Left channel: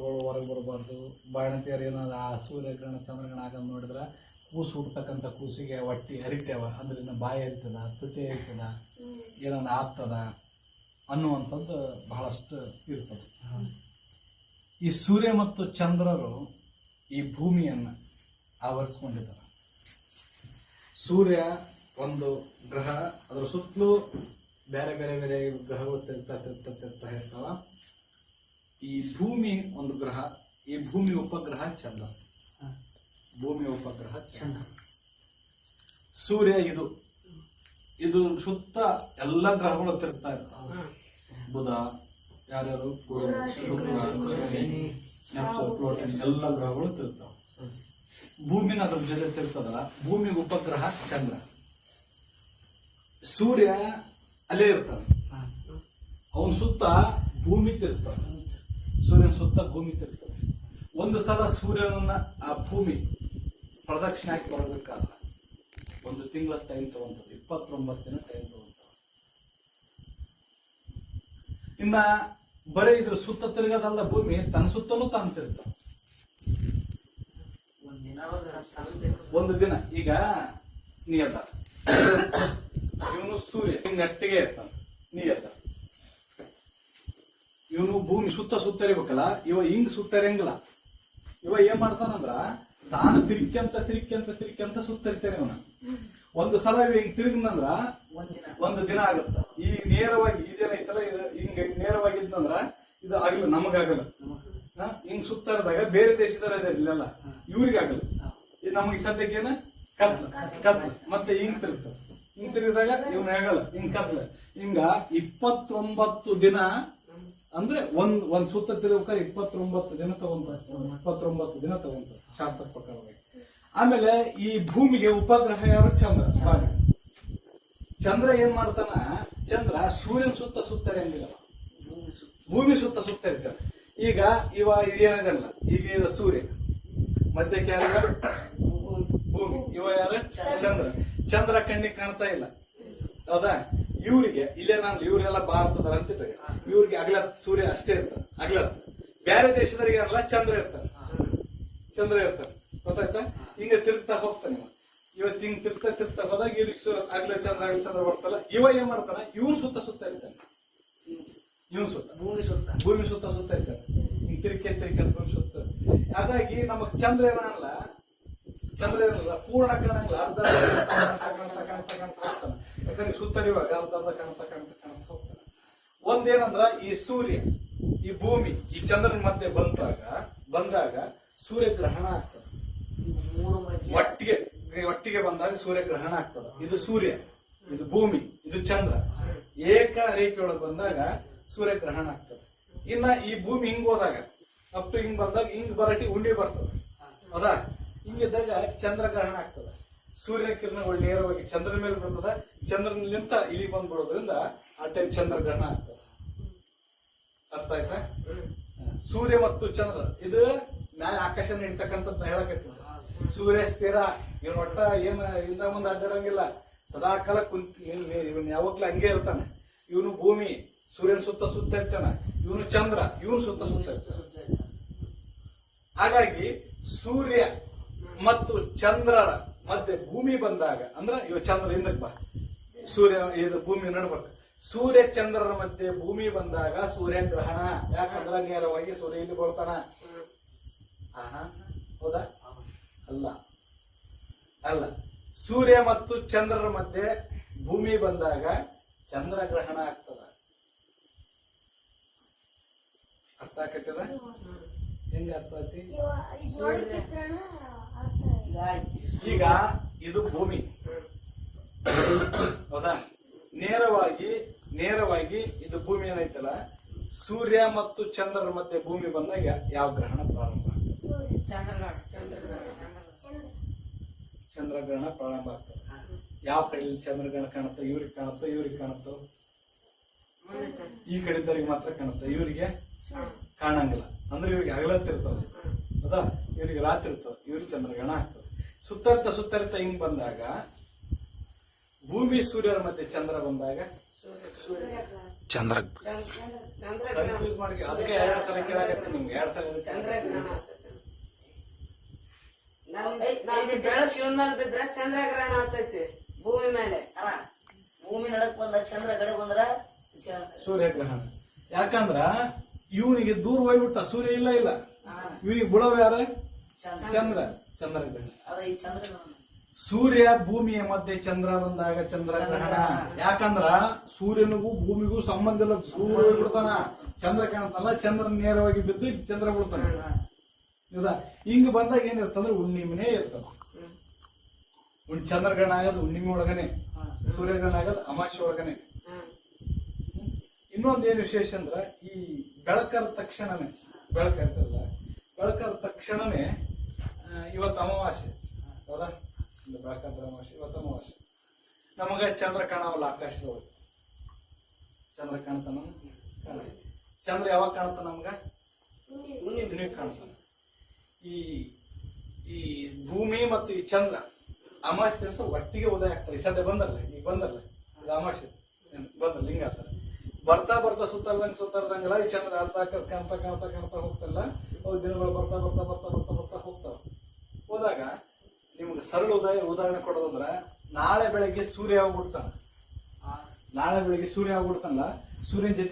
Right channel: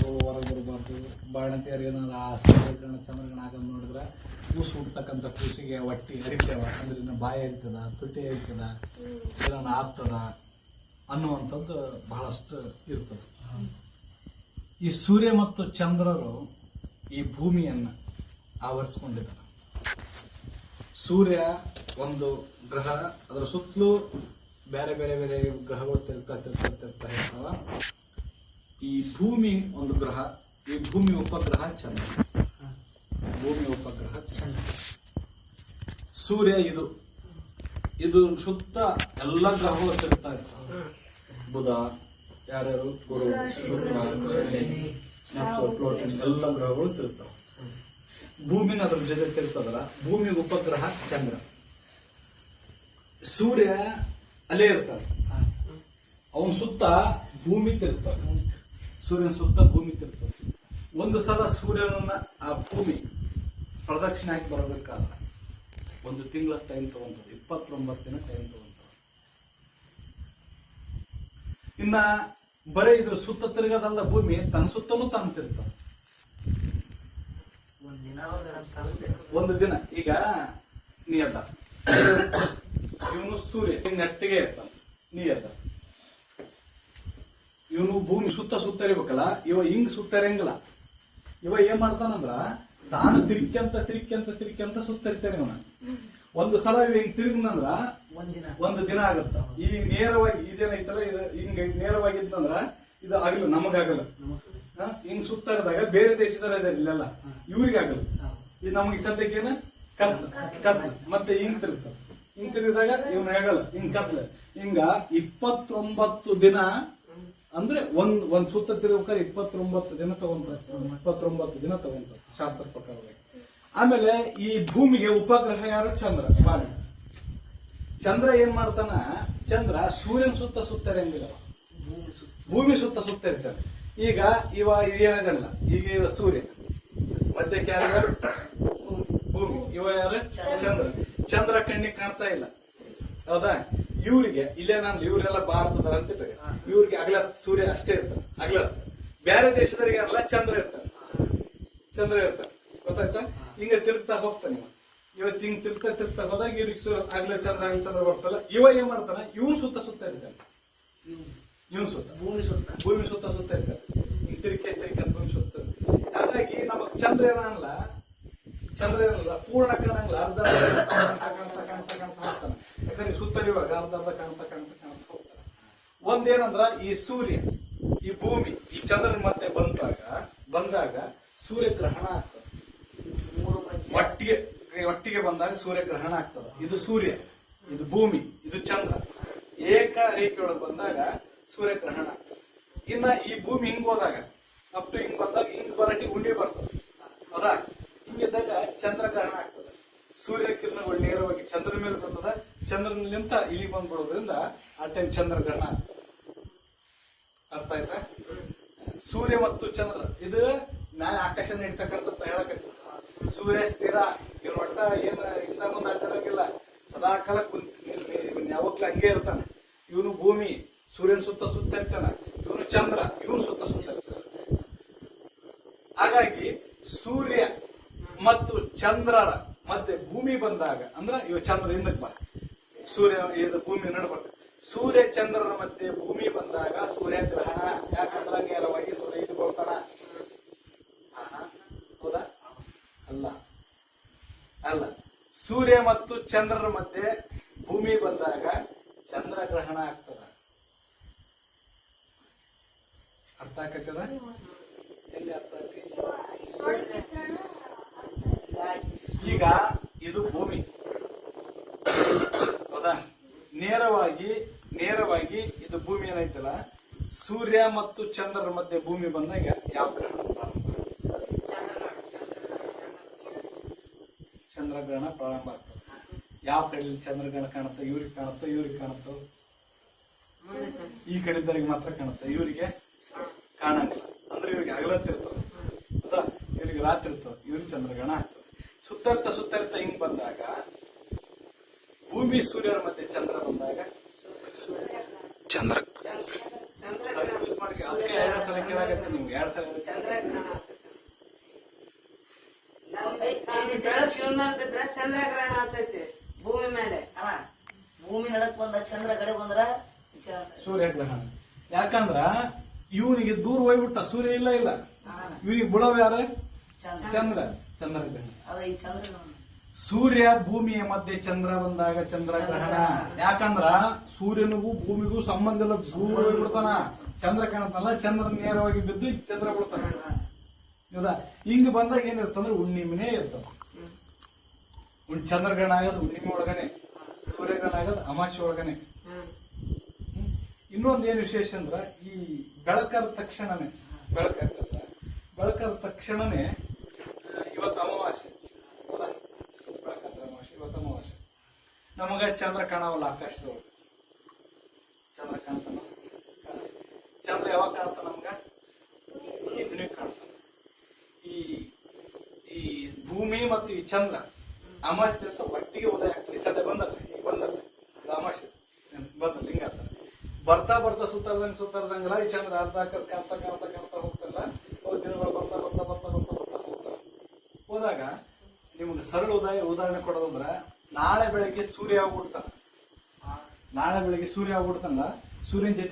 ಗ್ರಹಗಳು ಹೊರಗೆ ಬರಬಾರ್ದು. ಬಾಣಂತಿಯರು ಏನಾದ್ರು ಆ ಸೂರ್ಯಗ್ರಹಣ ಚಂದ್ರಗ್ರಹಣ ಆಗಂತ ನೋಡಿದ್ರೆ ಕೂಸು ಹುಡ್ತಕ್ಕಂಥ ಕೂಸಿಗೆ ಹೊಟ್ಟಿ ಎರಿತೇವ ಅಂದ್ರೆ ಬಾಯಿ ಎರಿತದ, ತುಟಿ ಎರಿತದ, ಏನಾನ ಆಗ್ತದ ಅನ್ನುವಂಥದ್ದು ಬಹಳಷ್ಟು ಇರ್ತದೆ. ಈ ಸೂರ್ಯ ಮತ್ತು ಚಂದ್ರರು ಈ ಭೂಮಿಯನ್ನು ಆವರಿಸ್ಕೊಂಡಿದ್ದಾರೆ. ಸೂರ್ಯ ಒಂದು ಗ್ರಹ, ಅದರ ಸುತ್ತಲೂ ಬೇರೆ ಬೇರೆ ಬೇರೆ ಗ್ರಹಗಳು ತಿರ್ತಾವ. ಈ ಭೂಮಿ ಒಂದು ಗ್ರಹ, ಈ ಭೂಮಿ ಉಪಗ್ರಹ ಚಂದ್ರ. ಭೂಮಿ ಉಪಗ್ರಹ ಚಂದ್ರ. ಸೂರ್ಯ ಇದು ಸುತ್ತ ಎಲ್ಲ ಗ್ರಹಗಳು ತಿರುಗ್ತಾ ಇರ್ತಾವೆ. ಬುಧ, ಯಾರ್ಯಾರು, ಗುರು, ಪ್ಲೋಟನ್ ಎಲ್ಲ ಗ್ರಹಗಳು ತಿರುಗ್ತಾವೆ. ಭೂಮಿನ ಅದ್ರ ಜೊತೆ ತಿರುಗ್ತದಲ್ಲ, ಭೂಮಿ ಉಪಗ್ರಹ ಚಂದ್ರ. ಸೂರ್ಯ ಅಲ್ಲೇ ಇರ್ತಾನೆ, ಅವನ ಸುತ್ತ ಭೂಮಿ ತಿರುಗ್ತಾನೆ. ಸೂರ್ಯನ ಸುತ್ತ ಭೂಮಿ ತಿರುಗ್ತದೆ. ಒಂದು ಸಲ ಸೂರ್ಯನನ್ನ ಆ ಭೂಮಿ ಪ್ರದಕ್ಷಿಣೆ ಹಾಕಿ ಬರಬೇಕಾದ್ರೆ 1 ತಿಂಗಳ ಟೈಮ್ ತಗೊಂತದೆ, 29 ದಿನ ಟೈಮ್ ತಗೊಂತದೆ. ಇನ್ನ ಬರೀ ಇದ್ರ ಸುತ್ತ ತಿರುಗದಲ್ಲ, ಭೂಮಿ ತನ್ನ ಸುತ್ತಲೂ ತಾನು ತಿರುಗ್ತದೆ. ಒಂದು ದಿನ ಈಗ ನೀ ಎದ್ದ, ಇವನು ಸೂರ್ಯ ನೆಟ್ಟಿಗೆ ಇರ್ತಾನೆ, ನೀ ಎದ್ದ. ಇವನು ಭೂಮಿ ಸುತ್ತ ಇರ್ಬೇಕಲ್ಲ, ಇವ ಹಿಂಗ್ ಸುತ್ತರಂಗಿಲ್ಲ. ಇವ ಏನ್ ಮಾಡ್ತಾನಂದ್ರ ತಾನು ತಿರ್ಕ್ಯಂತ ಸುತ್ತರಿತಾನೆ. ಇವನ ಒಂದು ಸಲ ಹಿಂಗ್ ತಿರುಗಿದಂದ್ರ 1 ದಿನ ಆಗತ್ತ. ಈ ನೇರವಾಗಿ ಇದೇನೈತಲ್ಲ, ಹಿಂಗ ನೇರವಾಗಿದ್ದಂದ್ರ ಇದು ಆಗಲ್ಲ, ನಮಗಾಗಲ್ಲ. ಹಿಂಗ್ ಸುತ್ತಾಡಿದಾಗ ಬೇರೆ ದೇಶದವ್ರ ಇಲ್ಲೆಲ್ಲ ಇವ್ರಿಗಾಗಲ್ಲ. ಇದು ನಮಗೆ ಸದ್ಯಕ್ಕೇನ ಕತ್ಲ ಮತ್ತೆ ಹಿಂಗ್ ತಿರುಗ್ತದೆ. ಹಿಂಗ್ ತಿರುಗಿದಾಗ ಇವ್ನ ಆಗಲ್ಲ, ಹಿಂಗ್ ಕತ್ಲ. ಹಿಂಗ 29 ದಿನ ಅಂದ್ರೆ ಒಂದ್ ಸುತ್ತ ತಿರುಗಬೇಕಾದ್ರೆ 29 ದಿನ ತಗೊಂತಾರೆ. 29 ದಿನ ತಗೊಂತಾರೆ ಶಾಸ್ತ್ರ ಪ್ರಕಾರವಾಗಿ. ಆಮೇಲೆ ಈ ಭೂಮಿಗೆ ಉಪಗ್ರಹ ಯಾರು? ಚಂದ್ರ, ಸ್ವಾಮಿ. ಚಂದ್ರ ಏನ್ ಮಾಡ್ತಾನ? ಚಂದ್ರ ಸೂರ್ಯನ ಸುತ್ತ ಇರಂಗಿಲ್ಲ, ಭೂಮಿ ಸುತ್ತ ಇರ್ತಾನೆ. ಈಗ ಇದೇನಿದಲ್ಲ, ಈಗ ಸೂರ್ಯ ಮಧ್ಯಕ್ಕೆ ಯಾರು? ಭೂಮಿ. ಯಾರು? ಚಂದ್ರ. ಚಂದ್ರ ಕಣ್ಣಿಗೆ ಕಾಣ್ತಾ ಇಲ್ಲ, ಹೌದಾ? ಇವರಿಗೆ ಇವರೆಲ್ಲ ಭಾರತದ ಅಂತಿದ್ದಾರೆ. ಇವ್ರಿಗೆ ಅಗಲತ್ ಸೂರ್ಯ ಅಷ್ಟೇ ಇರ್ತಾರೆ, ಅಗಲತ್. ಬೇರೆ ದೇಶದವರಿಗೆಲ್ಲ ಚಂದ್ರ ಇರ್ತಾರೆ, ಗೊತ್ತಾಯ್ತಾ? ಹಿಂಗ ತಿರುಗ್ತಾ ಹೋಗ್ತಾನೆ. ಇವತ್ತು ಹಿಂಗ್ ತಿರುಗ್ತಾ ಹೋದಾಗ ಇವ್ರಿಗೆ ಸೂರ್ಯ ಅಗಲ ಚಂದ್ರ ಬರ್ತಲ್ಲ. ಇವ ಏನ್ ಮಾಡ್ತಾನೆ? ಇವನ್ ಸುತ್ತ ಇರ್ತಾನೆ. ಭೂಮಿ ಸುತ್ತ ಇರ್ತಾರೆ. ಹಿಂಗ್ ತಿರುಕೆ ಭೂಮಿ ಸುತ್ತ. ಹಾಗಾಗಿ ನಮಗ್ ಚಂದ್ರ ಏನಲ್ಲ, ಪೂರ್ಣ ಕಾಣಂಗಿಲ್ಲ, ಅರ್ಧ ಕಾಣ್ತಾ ಹೋಗ್ತಾನೆ. ಯಾಕಂದ್ರೆ ಸುತ್ತರಿವಾಗ ಅರ್ಧ ಕಾಣ್ತಾ ಹೋಗ್ತಾನೆ. ಒಂದೇನಂದ್ರ ಈ ಸೂರ್ಯ, ಈ ಭೂಮಿ, ಈ ಚಂದ್ರನ ಮಧ್ಯೆ ಬಂದಾಗ ಸೂರ್ಯಗ್ರಹಣ ಆಗ್ತದೆ. ಒಟ್ಟಿಗೆ ಬಂದಾಗ ಸೂರ್ಯಗ್ರಹಣ ಆಗ್ತದೆ. ಇದು ಸೂರ್ಯ, ಇದು ಭೂಮಿ, ಇದು ಚಂದ್ರ ಏಕ ರೇಖೆಯೊಳಗೆ ಬಂದಾಗ ಸೂರ್ಯಗ್ರಹಣ ಆಗ್ತದೆ. ಇನ್ನ ಈ ಭೂಮಿ ಹಿಂಗ್ ಹೋದಾಗ ಅಪ್ ಹಿಂಗ್ ಬಂದಾಗ ಹಿಂಗ್ ಬರಟಿ ಉಂಡಿ ಬರ್ತದೆ, ಹೌದಾ? ಹಿಂಗಿದ್ದಾಗ ಚಂದ್ರಗ್ರಹಣ ಆಗ್ತದೆ. ಸೂರ್ಯ ಕಿರಣಗಳು ನೇರವಾಗಿ ಚಂದ್ರ ಮೇಲೆ ಬರ್ತದೆ, ಚಂದ್ರನಿಂದ ಇಲ್ಲಿಗೆ ಬಂದ್ಬಿಡೋದ್ರಿಂದ ಆ ಟೈಮ್ ಚಂದ್ರಗ್ರಹಣ ಆಗ್ತದೆ. ಅರ್ಥ ಆಯ್ತಾ? ಸೂರ್ಯ ಮತ್ತು ಚಂದ್ರ ಇದು ಮ್ಯಾಲೆ ಆಕಾಶ ನಡೀತಕ್ಕಂಥದ್ದು ಹೇಳಕೈತದ. ಸೂರ್ಯ ಸ್ಥಿರ, ಇವ್ ಒಟ್ಟ ಏನ್ ಇದ್ದ ಮುಂದೆ ಅಡ್ಡಿರಂಗಿಲ್ಲ, ಸದಾಕಾಲ ಯಾವಾಗ್ಲೂ ಹಂಗೆ ಇರ್ತಾನೆ. ಇವನು ಭೂಮಿ ಸೂರ್ಯನ ಸುತ್ತ ಇರ್ತಾನೆ, ಇವನು ಚಂದ್ರ ಇವನು ಸುತ್ತ ಇರ್ತಾನೆ. ಹಾಗಾಗಿ ಸೂರ್ಯ ಮತ್ತು ಚಂದ್ರನ ಮಧ್ಯೆ ಭೂಮಿ ಬಂದಾಗ, ಅಂದ್ರೆ ಇವ ಚಂದ್ರ ಹಿಂದಕ್ಕೆ ಬಾ, ಸೂರ್ಯ ಇದು ಭೂಮಿ ನಡ್ಬೇಕು. ಸೂರ್ಯ ಚಂದ್ರನ ಮಧ್ಯೆ ಭೂಮಿ ಬಂದಾಗ ಸೂರ್ಯಗ್ರಹಣ. ಯಾಕಂದ್ರೆ ನೇರವಾಗಿ ಸೂರ್ಯ ಇಲ್ಲಿ ಬರ್ತಾನ, ಹೌದಾ? ಅಲ್ಲ, ಸೂರ್ಯ ಮತ್ತು ಚಂದ್ರನ ಮಧ್ಯೆ ಭೂಮಿ ಬಂದಾಗ ಚಂದ್ರಗ್ರಹಣ ಆಗ್ತದ. ಅರ್ಥ ಆಗ್ತದ? ಎಲ್ಲಿ ಅರ್ಥ ಆಗ್ತಿ? ಈಗ ಇದು ಭೂಮಿ, ಹೌದಾ? ನೇರವಾಗಿ ಇದು ಭೂಮಿ ಏನೈತಲ್ಲ, ಸೂರ್ಯ ಮತ್ತು ಚಂದ್ರನ ಮಧ್ಯೆ ಭೂಮಿ ಬಂದಾಗ ಯಾವ ಗ್ರಹಣ ಪ್ರಾರಂಭ? ಚಂದ್ರಗ್ರಹಣ ಪ್ರಾರಂಭ ಆಗ್ತದೆ. ಯಾವ ಕಡೆ ಚಂದ್ರಗ್ರಹಣ ಕಾಣುತ್ತೆ? ಇವ್ರಿಗೆ ಕಾಣುತ್ತೋ? ಈ ಕಡೆದವ್ರಿಗೆ ಮಾತ್ರ ಕಾಣುತ್ತೆ, ಇವರಿಗೆ ಕಾಣಂಗಿಲ್ಲ. ಅಂದ್ರೆ ಇವ್ರಿಗೆ ಅಗಲತ್ತಿರ್ತದೆ, ಹೌದಾ? ಇವರಿಗೆ ರಾತ್ರಿ ಇರ್ತದೆ, ಇವ್ರಿಗೆ ಚಂದ್ರಗ್ರಹಣ ಆಗ್ತದೆ. ಸುತ್ತರಿತ ಹಿಂಗ್ ಬಂದಾಗ ಭೂಮಿ ಸೂರ್ಯರ ಮಧ್ಯೆ ಚಂದ್ರ ಬಂದಾಗ ಕನ್ಫ್ಯೂಸ್ ಮಾಡಿ ಅದಕ್ಕೆ 2 ಸಲ ಕೇಳಾಗತ್ತೆ ನೀವು 2 ಸಲ ಚಂದ್ರಗ್ರಹಣ ನಮ್ದು ಬೆಳಕು ಶಿವನ ಮೇಲೆ ಬಿದ್ರೆ ಚಂದ್ರಗ್ರಹಣ ಆಗ್ತೈತಿ ಭೂಮಿ ಮೇಲೆ. ಭೂಮಿ ನಡಕ್ ಬಂದ ಚಂದ್ರ ಕಡೆ ಬಂದ್ರ ಸೂರ್ಯಗ್ರಹಣ. ಯಾಕಂದ್ರ ಇವನಿಗೆ ದೂರ ಹೋಗ್ಬಿಟ್ಟ, ಸೂರ್ಯ ಇಲ್ಲ ಇವನಿಗೆ ಬೀಳೋರು ಯಾರ? ಚಂದ್ರಗ್ರಹಣ. ಈ ಚಂದ್ರ ಸೂರ್ಯ ಭೂಮಿಯ ಮಧ್ಯೆ ಚಂದ್ರ ಬಂದಾಗ ಚಂದ್ರಗ್ರಹಣ. ಯಾಕಂದ್ರ ಸೂರ್ಯನಿಗೂ ಭೂಮಿಗೂ ಸಂಬಂಧ ಇಲ್ಲ, ದೂರ ಬಿಡ್ತಾನ. ಚಂದ್ರ ಕಾಣತಲ್ಲ, ಚಂದ್ರ ನೇರವಾಗಿ ಬಿದ್ದು ಚಂದ್ರ ಬಿಡ್ತಾನ. ಹೌದಾ? ಹಿಂಗ ಬಂದಾಗ ಏನಿರ್ತಂದ್ರೆ ಹುಣ್ಣಿಮೆನೇ ಇರ್ತದ. ಚಂದ್ರಗ್ರಹಣ ಆಗೋದು ಹುಣ್ಣಿಮೆ ಒಳಗನೆ, ಸೂರ್ಯಗ್ರಹಣ ಆಗೋದು ಅಮಾವಾಸ್ಯೆ ಒಳಗನೆ. ಇನ್ನೊಂದೇನು ವಿಶೇಷ ಅಂದ್ರ ಈ ಬೆಳಕರ ತಕ್ಷಣನೇ ಬೆಳಕರ ತಕ್ಷಣನೇ ಇವತ್ತು ಅಮಾವಾಸ್ಯೆ. ಹೌದಾ? ಬೆಳಕತ್ರ ಅಮಾವಾಸ್ಯೆ, ಇವತ್ತು ಅಮಾವಾಸ್ಯೆ. ನಮಗ ಚಂದ್ರ ಕಾಣವಲ್ಲ ಆಕಾಶದೊಳಗೆ. ಚಂದ್ರ ಕಾಣ್ತಾನ? ಚಂದ್ರ ಯಾವಾಗ ಕಾಣ್ತಾನ ನಮ್ಗ? ಕಾಣ್ತಾನ. ಈ ಭೂಮಿ ಮತ್ತು ಈ ಚಂದ್ರ ಅಮಾವಾಸ್ಯೆ ದಿವಸ ಒಟ್ಟಿಗೆ ಉದಯ ಆಗ್ತದೆ. ಸದ್ಯ ಬಂದಲ್ಲ, ಈಗ ಬಂದಲ್ಲ, ಇದು ಅಮಾವಾಸ್ಯೆ ಬಂದಲ್ಲ, ಹಿಂಗಾಗ್ತದೆ. ಬರ್ತಾ ಸುತ್ತರ್ದಂಗಲ್ಲ ಈ ಚಂದ್ರ ಕಾಣ್ತಾ ಹೋಗ್ತಲ್ಲ. ಅವ್ರ ದಿನಗಳು ಬರ್ತಾ ಹೋಗ್ತಾರ. ಹೋದಾಗ ನಿಮ್ಗೆ ಸರಳ ಉದಾಹರಣೆ ಕೊಡೋದಂದ್ರ, ನಾಳೆ ಬೆಳಿಗ್ಗೆ ಸೂರ್ಯ ಹೋಗ್ಬಿಡ್ತಾನ. ಸೂರ್ಯನ ಜೊತೆ